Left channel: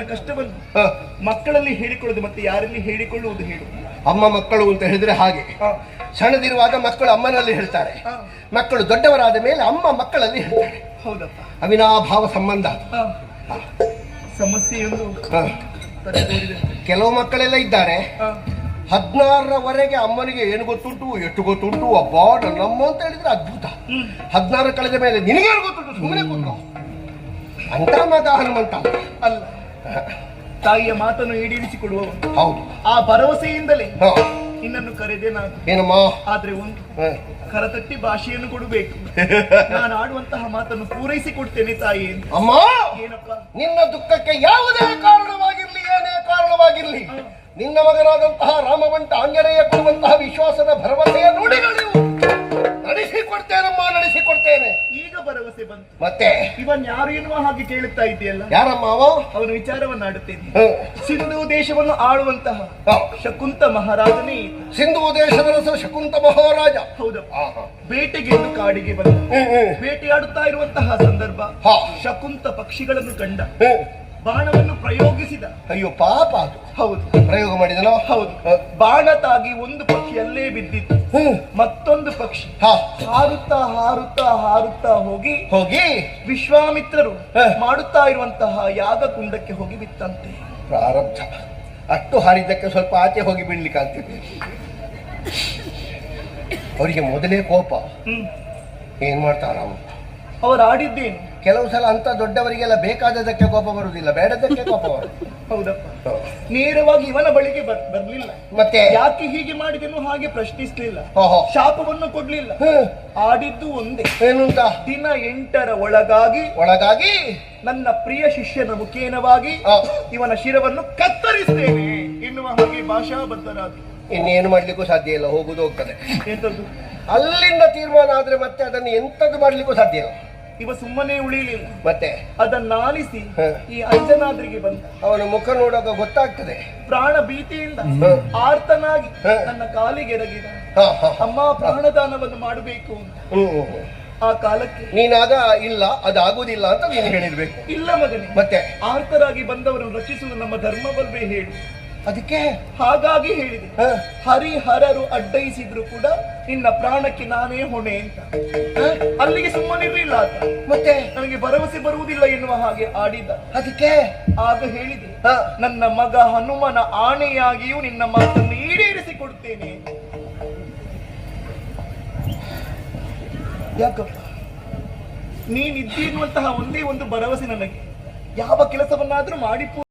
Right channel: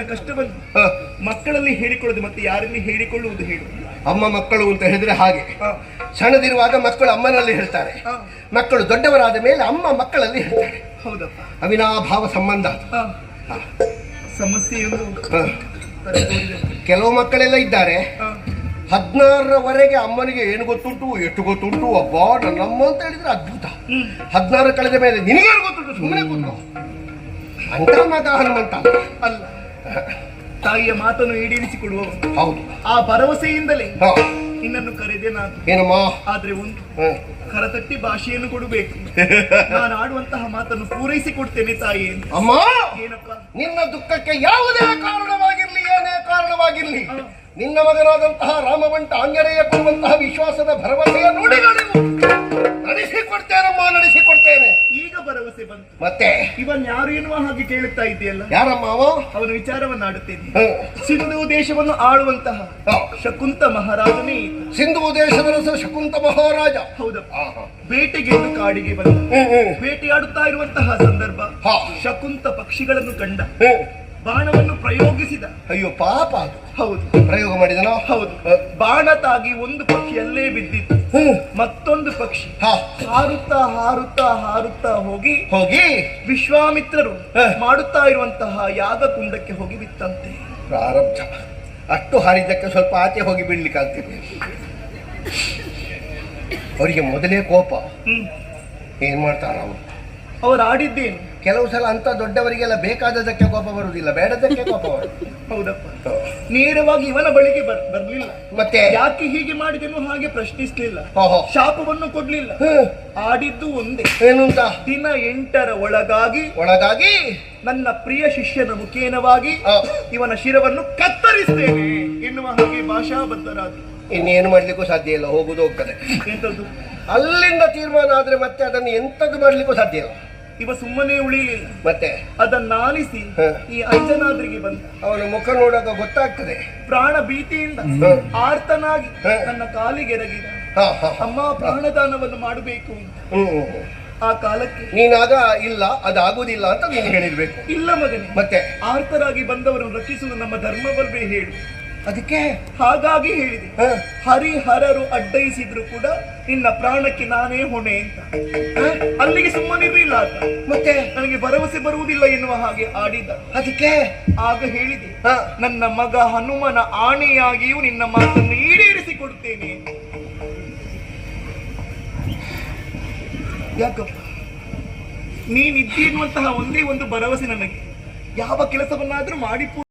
ಕಷ್ಟವನ್ನು ಮಕ್ಕಳಲ್ಲಿ ಹೇಳಿಕೊಳ್ಳುವುದು ಮತ್ತೆ ಯಾರಲ್ಲಿ ಹೇಳಿಕೊಳ್ಳುವುದು ಹೇಳು. ಅಮ್ಮ ಮಕ್ಕಳು ಅಂತ ಹೇಳಿದ್ರೆ ಹಾಗೆ ಸಣ್ಣದಿರುವಾಗ ಮಕ್ಕಳು ಅಮ್ಮನಲ್ಲಿ ಹೇಳ್ತಾರೆ, ಮಕ್ಕಳು ದೊಡ್ಡವರಾದ ಮೇಲೆ ಅಮ್ಮ ಮಕ್ಕಳಲ್ಲಿ ಹೇಳ್ತಾರೆ. ಹೌದಪ್ಪ, ಅವಿನಾಭಾವ ಸಂಬಂಧ. ಸಮಸ್ಯೆಯನ್ನು ಕೆಲವು ಮಕ್ಕಳೆಲ್ಲ ಇದ್ದಾರೆ 16ರವರೆಗೆ ಅಮ್ಮನಿಗೆ ಏನು ಗೊತ್ತುಂಟು ಎಷ್ಟು ಗೊತ್ತುಂಟು, ಅಬ್ಬಾ ನನ್ನಮ್ಮ ಅಂತ ಹೇಳಿದ್ರೆ ಅದ್ಭುತ. 16 ಕಳೆದ ಮೇಲೆ ನಿನಗೇನು ಗೊತ್ತುಂಟು, ಸುಮ್ಮನೆ ಕೂತು ಅಂತ ಮಗ ಹನುಮಂತ ಅಲ್ಲ, ತಾಯಿಯ ಮಾತನ್ನು ಈಡೇರಿಸಿಕೊಡುವ. ಹೌದು, ಆ ಭರವಸೆಯಿಂದಲೇ ನಿನ್ನನ್ನು ಕರೆದೆ ನಾನು. ಏನಮ್ಮ, ಆದ್ರೆ ಒಂದು ಕರತಟ್ಟಿ ಭಾಷೆಯನ್ನು ಕೊಡಬೇಕು. ನಾನು ಆಡುವಂತಹ ಮಾತನ್ನು ಪೂರೈಸಿ ಕೊಡ್ತೇನೆ ತಾಯಿ. ಅಮ್ಮ, ಏನಪ್ಪ, ನಿನ್ನ ದುಃಖಕ್ಕೆ ಯಾವುದೇ ಕಾರಣವಾಗಿರ್ಲಿ, ಏನೇ ಕಾರಣವಾಗಿರ್ಲಿ, ನಿನ್ನ ಮಗನಾದಂತಹ ರಾಮವಂಟ ಆಂಜನೇಯ ಕೊಡುವಂತಹ ವಿಶ್ವಾಸದ ಭರವಸೆಯ ನುಡಿಗಳು ನಡೆಸಿಕೊಡ್ತೇನಮ್ಮ, ನಡೆಸಿಕೊಡ್ತೇನೆ. ಈಗ ಭರವಸೆ ಬಂತು. ಮತ್ತೆ ಇವನ್ ಯಾರು ಎನ್ನುವ ಹಾಗೆ ಕೇಳುತ್ತಾ ಇದೆಯಲ್ಲ, ಯಾರಮ್ಮ ಅವನ ವಿಚಾರವನ್ನು ಆಡುತ್ತೇನೆ. ಸಿಂಧು ದೇಶವನ್ನು ಆಳುವಂತಹ ಶಕುಂತ ಮಹಾರಾಜನೇ. ಸಿಂಧು ದೇಶದ ಶಕುಂತ ಮಹಾರಾಜ. ಹೌದಪ್ಪ, ಬೇಟೆಗೆಂದು ಕಾಡಿಗೆ ಬಂದ. ಬೇಟೆಯಾಡುತ್ತಾ ಇರುವಂತಹ ಸಂದರ್ಭ ಶಕುಂತ ಪಕ್ಷಿಗಳನ್ನು ಕಂಡ. ಬಾಣವನ್ನು ಪ್ರಯೋಗಿಸಿದ. ಅಯ್ಯೋ ಪಾಪ, ಅದು ಹೌದು, ಪ್ರಯೋಗ ಮಾಡಿದನ. ಹೌದು, ಬಾಣ ತಾಗಿ ಒಂದು ಪಕ್ಷಿ ಅಲ್ಲೇ ಬಿದ್ದಿತ್ತು. ಮತ್ತೊಂದು ಪಕ್ಷಿ ಹಾರುತ್ತಾ ಹಾರುತ್ತಾ ಹಾರುತ್ತಾ ಹೋಗಿ ವಿಶ್ವಾಮಿತ್ರರು ಮಾಡುತ್ತಾ ಇರುವಂತಹ ಯಾಗ ಕುಂಡಕ್ಕೆ ಹೋಗಿ ಬಿತ್ತಂತೆ. ಪ್ರಾರಬ್ಧ. ಅಷ್ಟು ಹಾರಿದ್ದಕ್ಕೆ ಸ್ವಲ್ಪ ಆಚೆ ಹೋಗಿ ಬೀಳ್ಲಿಕ್ಕಾಗ್ತಿದೆ. ಅವರಿಗೆ ಮೊದಲೇ ಕೋಪ. ಏನ್ ಮಾಡ್ತಾರ ಅವರು ಆಡಿದ್ದೇನು. ಕೆಲವು ಸಲ ಅಂತ ದೊಡ್ಡವರಿಗೆಲ್ಲ ಬೇಕಾದದಕ್ಕೆ ಕೋಪ ಬರುವುದಿಲ್ಲ, ಬೇಡದಕ್ಕೆ ಕೋಪ ಬರುವುದು. ಹೌದಪ್ಪ, ನೇರವಾಗಿ ಇವನ ಬಳಿಗೆ ಬರ್ಲಿಲ್ಲ. ಮತ್ತೆ ಯಾಕೆ ಹೀಗೆ ಮಾಡಿದೆನು ಹಾಗೆ ಪ್ರಶ್ನಿಸ್ಲಿಲ್ಲ, ಶಾಪವನ್ನು ಕೊಡ್ಲಿಲ್ಲ. ಆಡಿದ್ದು ಒಂದೇ, ಏನು ಅಂತ, ದಿನ 8ರ ಒಳಗಾಗಿ ನನ್ನ ಪ್ರಿಯ ಶಿಷ್ಯನ ಮುಖೇನವಾಗಿ ಇವನ ಶಿರವನ್ನು ಕತ್ತರಿಸ್ತೇನೆ ಎನ್ನುವ ಹಾಗೆ ಭಾಷಾಬದ್ಧರಾದ. ಇನ್ನೇನು ಮಾಡ್ಲಿಕ್ಕೂ ಸಾಧ್ಯ ಇಲ್ಲ, ಹೋಗುದು ಹೋಗ್ತದೆ. ಎಂತದ್ದು ಅಲ್ಲಿಂದ ತೀರ್ಮಾನ ಆದ್ರೆ ಮತ್ತೆ ಅದನ್ನು ಎಂತದ್ದು ಮಾಡ್ಲಿಕ್ಕೂ ಸಾಧ್ಯ ಇಲ್ಲ. ಇವ ಸುಮ್ಮನೆ ಉಳಿಲಿಲ್ಲ, ಮತ್ತೆ ಅದನ್ನಾಲಿಸಿ ಈ ಅಂಜನಾದ್ರಿಗೆ ಬಂದ. ಅವನ ಮುಖ ನೋಡುವಾಗ ಗೊತ್ತಾಗ್ತದೆ. ಪ್ರಾಣ ಭೀತಿಯಿಂದ ಆರ್ತನಾಗಿ ನನ್ನ ಕಾಲಿಗೆ ಎರಗಿದ. ಅಮ್ಮ, ಪ್ರಾಣದಾನವನ್ನು ಮಾಡಬೇಕು ಅಂತ. ಆ ಕಾಲಕ್ಕೆ ನೀನಾಗ ಇಲ್ಲ, ಅದಾಗುವುದಿಲ್ಲ ಅಂತ ನೀನು ಹೇಳಿರ್ಬೇಕು. ಇಲ್ಲ ಮಗನೇ, ಮತ್ತೆ ಆರ್ತರಾಗಿ ಬಂದವರನ್ನು ರಕ್ಷಿಸುವುದು ನಮ್ಮ ಧರ್ಮವಲ್ವೇ ಹೇಳಿ. ಅದಕ್ಕೆ ಹಾಗಾಗಿ ಹೇಳಿದೆ, ಹರಿಹರರು ಅಡ್ಡಯಿಸಿದ್ರು ಕೂಡ ನಿನ್ನ ಪ್ರಾಣಕ್ಕೆ ನಾನೇ ಹೊಣೆ ಅಂತ. ಅಲ್ಲಿಗೆ ಸುಮ್ಮನಿರಲಿಲ್ಲ ಆತ. ಮತ್ತೆ ನನಗೆ ಭರವಸೆ ಬರುವುದಿಲ್ಲ ಎನ್ನುವ ಹಾಗೆ ಆಡಿದ. ಅದಕ್ಕೆ ಆಗ ಹೇಳಿದೆ, ನನ್ನ ಮಗ ಹನುಮನ ಆಣೆಯಾಗಿಯೂ ನಿನ್ನ ಮಾತನ್ನು ಈಡೇರಿಸಿಕೊಡ್ತೇನೆ. ಯಾಕಪ್ಪ, ನೀನಿದ್ದೀ ಎನ್ನುವಂತಹ ಒಂದೇ ಒಂದು ಭರವಸೆ ನನಗೆ. ಯಾವ ಕೆಲಸವನ್ನಾದ್ರೂ ಮಾಡಿ